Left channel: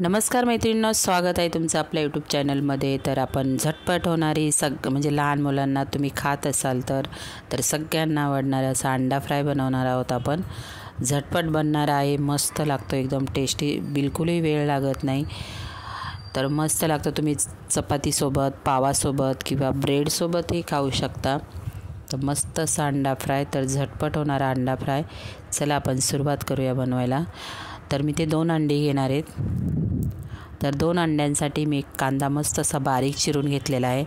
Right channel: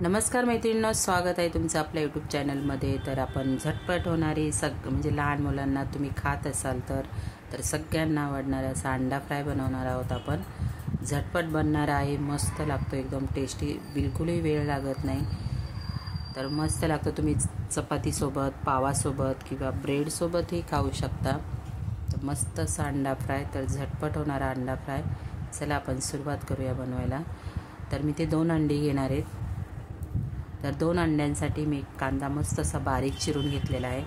नमस्कार मैत्रिणींनो, स्वागत आहे तुमचं आपल्या यूट्यूब चॅनलमध्ये। तर आपण झटपट होणारी म्हणजे लहान मुलांना तुम्ही खात असाल तर सगळ्यांना आवडणारा असा अंडा फ्राय बनवणार आहोत आपण। झटपट बनणार आहे, मस्त लागतो, एकदम टेस्टी, बिलकुलही वेळ लागत नाही, तर मस्त लागतो। तुम्ही चपातीसोबत, पावासोबत किंवा ब्रेडसोबतही खाऊ शकता। तर मस्त असा अंडा फ्राय, तर झटपट होणारा अंडा फ्राय। चला आपण सुरुवात करूया बनवायला। तर मी ते 2 अंडी घेणार आहेत। तर 2 अंड्यांसाठी मी कांदा मस्त असा बारीक चिरून घेतलेला आहे।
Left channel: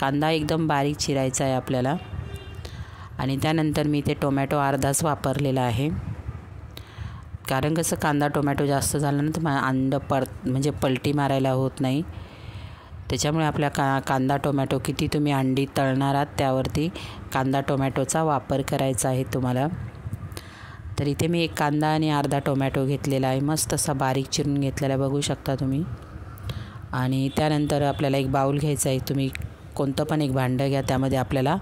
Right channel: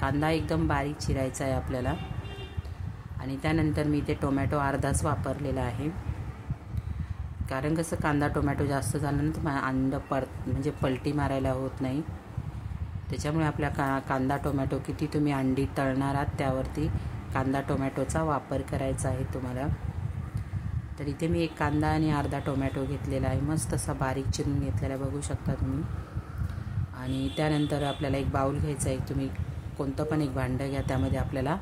कांदा एकदम बारीक चिरायचा आहे आपल्याला। आणि त्यानंतर मी ते टोमॅटो अर्धाच वापरलेला आहे, कारण कसं कांदा टोमॅटो जास्त झालं ना तर अंड म्हणजे पलटी मारायला होत नाही। त्याच्यामुळे आपल्या कांदा टोमॅटो किती तुम्ही अंडी तळणार आहात त्यावरती कांदा टोमॅटोचा वापर करायचा आहे तुम्हाला। तर इथे मी एक कांदा आणि अर्धा टोमॅटो घेतलेला आहे, मस्त असा बारीक चिरून घेतलेला बघू शकता तुम्ही। आणि त्यानंतर आपल्याला एक बाउल घ्यायचा आहे, तुम्ही कोणतं पण एक भांडं घ्या, त्यामध्ये आपल्याला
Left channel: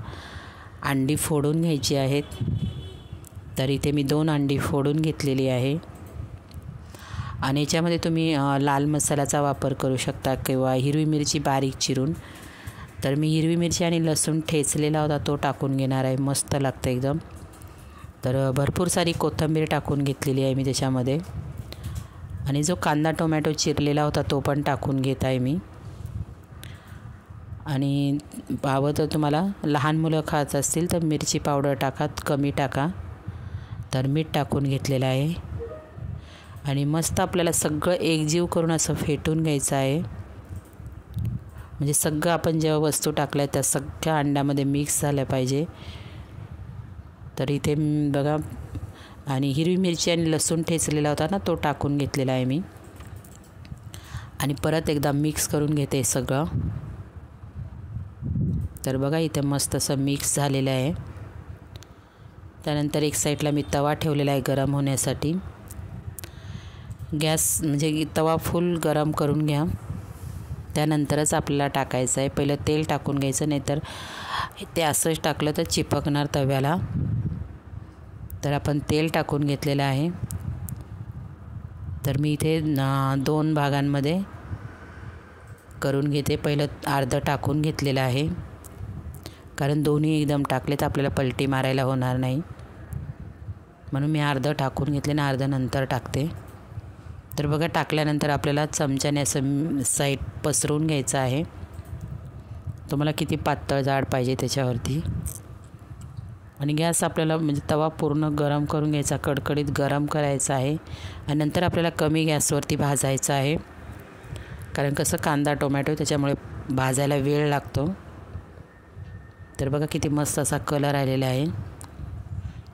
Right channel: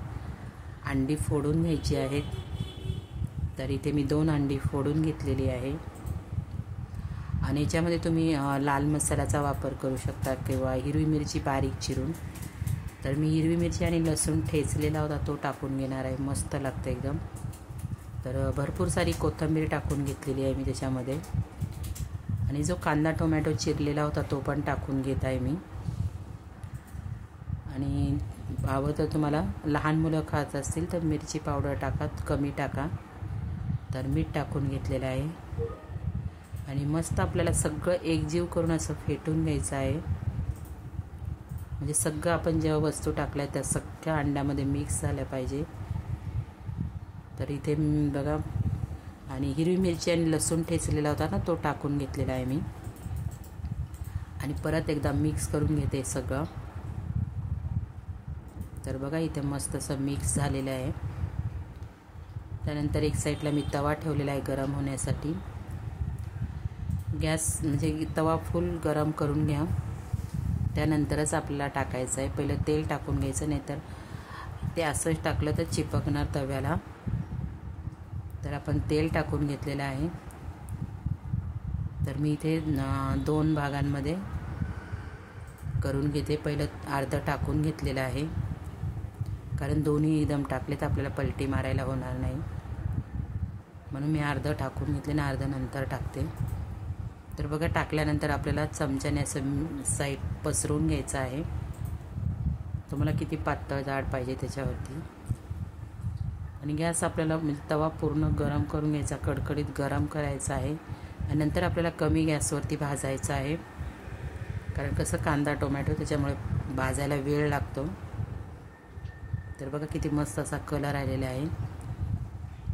अंडी फोडून घ्यायची आहेत। तर इथे मी 2 अंडी फोडून घेतलेली आहे। आणि याच्यामध्ये तुम्ही लाल मसाल्याचा वापर करू शकता किंवा हिरवी मिरची बारीक चिरून। तर मी हिरवी मिरची आणि लसूण ठेचलेला होता तो टाकून घेणार आहे, मस्त लागतं एकदम। तर भरपूर सारी कोथिंबीर टाकून घेतलेली आहे मी त्याच्यामध्ये। आणि जो कांदा टोमॅटो चिरलेला होता तो पण टाकून घेत आहे मी। आणि हवं तर तुम्हाला लहान मुलं खात असतील तर मिरची पावडर टाका, कमी टाका। तर मीठ टाकून घेतलेलं आहे। आणि मस्त आपल्याला सगळं एकजीव करून असं फेटून घ्यायचं आहे, म्हणजे सगळं आपण जेव्हा वस्तू टाकल्या त्या सगळ्या अंड्यामध्ये मिक्स झाल्या पाहिजे। तर इथे बघा, आणि हिरवी मिरची आणि लसूण ठेचलेला होता ना तो टाकून घेतलेला आहे मी। आणि परत एकदा मिक्स करून घेते सगळं। तर बघा इथे मस्त असं मिक्स झालेलं आहे। त्यानंतर एक साईडला मी तवा ठेवलेला आहे गरम होण्यासाठी। गॅस म्हणजे तवा फुल गरम करून घ्या, त्यानंतरच आपल्याला टाकायचं आहे। पहिलं तेल टाकून घ्यायचं, नाहीतर ते असंच टाकलं तर चिपकणार तव्याला। तर आपण तेल टाकून घेतलेलं आहे। तर मी इथे 2 भागांमध्ये करून घेते। पहिलं अर्धं टाकून घेतलेलं आहे, कारण दोन्ही एकदम टाकले तर आपल्याला पलटी मारायला होणार नाही, म्हणून मी अर्धं टाकून घेतले आणि अर्धं नंतर टाकते। तर बघा, टाकल्यानंतर आपल्याला चमच्याने असं साईड पसरवून घ्यायचं आहे, तुम्हाला किती पातळ जाड पाहिजे त्याच्यावरती। आणि गॅस आपल्याला म्हणजे तवा पूर्ण गरम करून घ्यायचा, कडकडीत गरम करायचा आहे। आणि नंतर आपल्याला कमी गॅसवरती भाजायचं आहे, कारण कसं कांदा टोमॅटो त्याच्यामुळे भाजायला वेळ लागतो। तर बघा किती मस्त असा कलर आलेला आहे।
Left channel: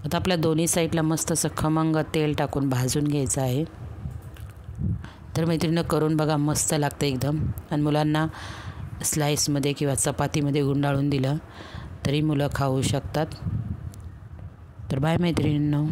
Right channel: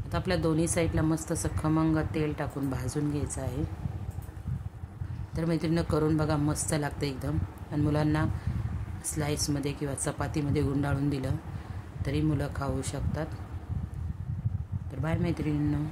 आता आपल्या दोन्ही साईडला मस्त असं खमंग तेल टाकून भाजून घ्यायचं आहे। तर मैत्रिणींनो, करून बघा, मस्त लागतं एकदम। आणि मुलांना स्लाईसमध्ये किंवा चपातीमध्ये गुंडाळून दिलं तरी मुलं खाऊ शकतात। तर बाय मैत्रिणींनो।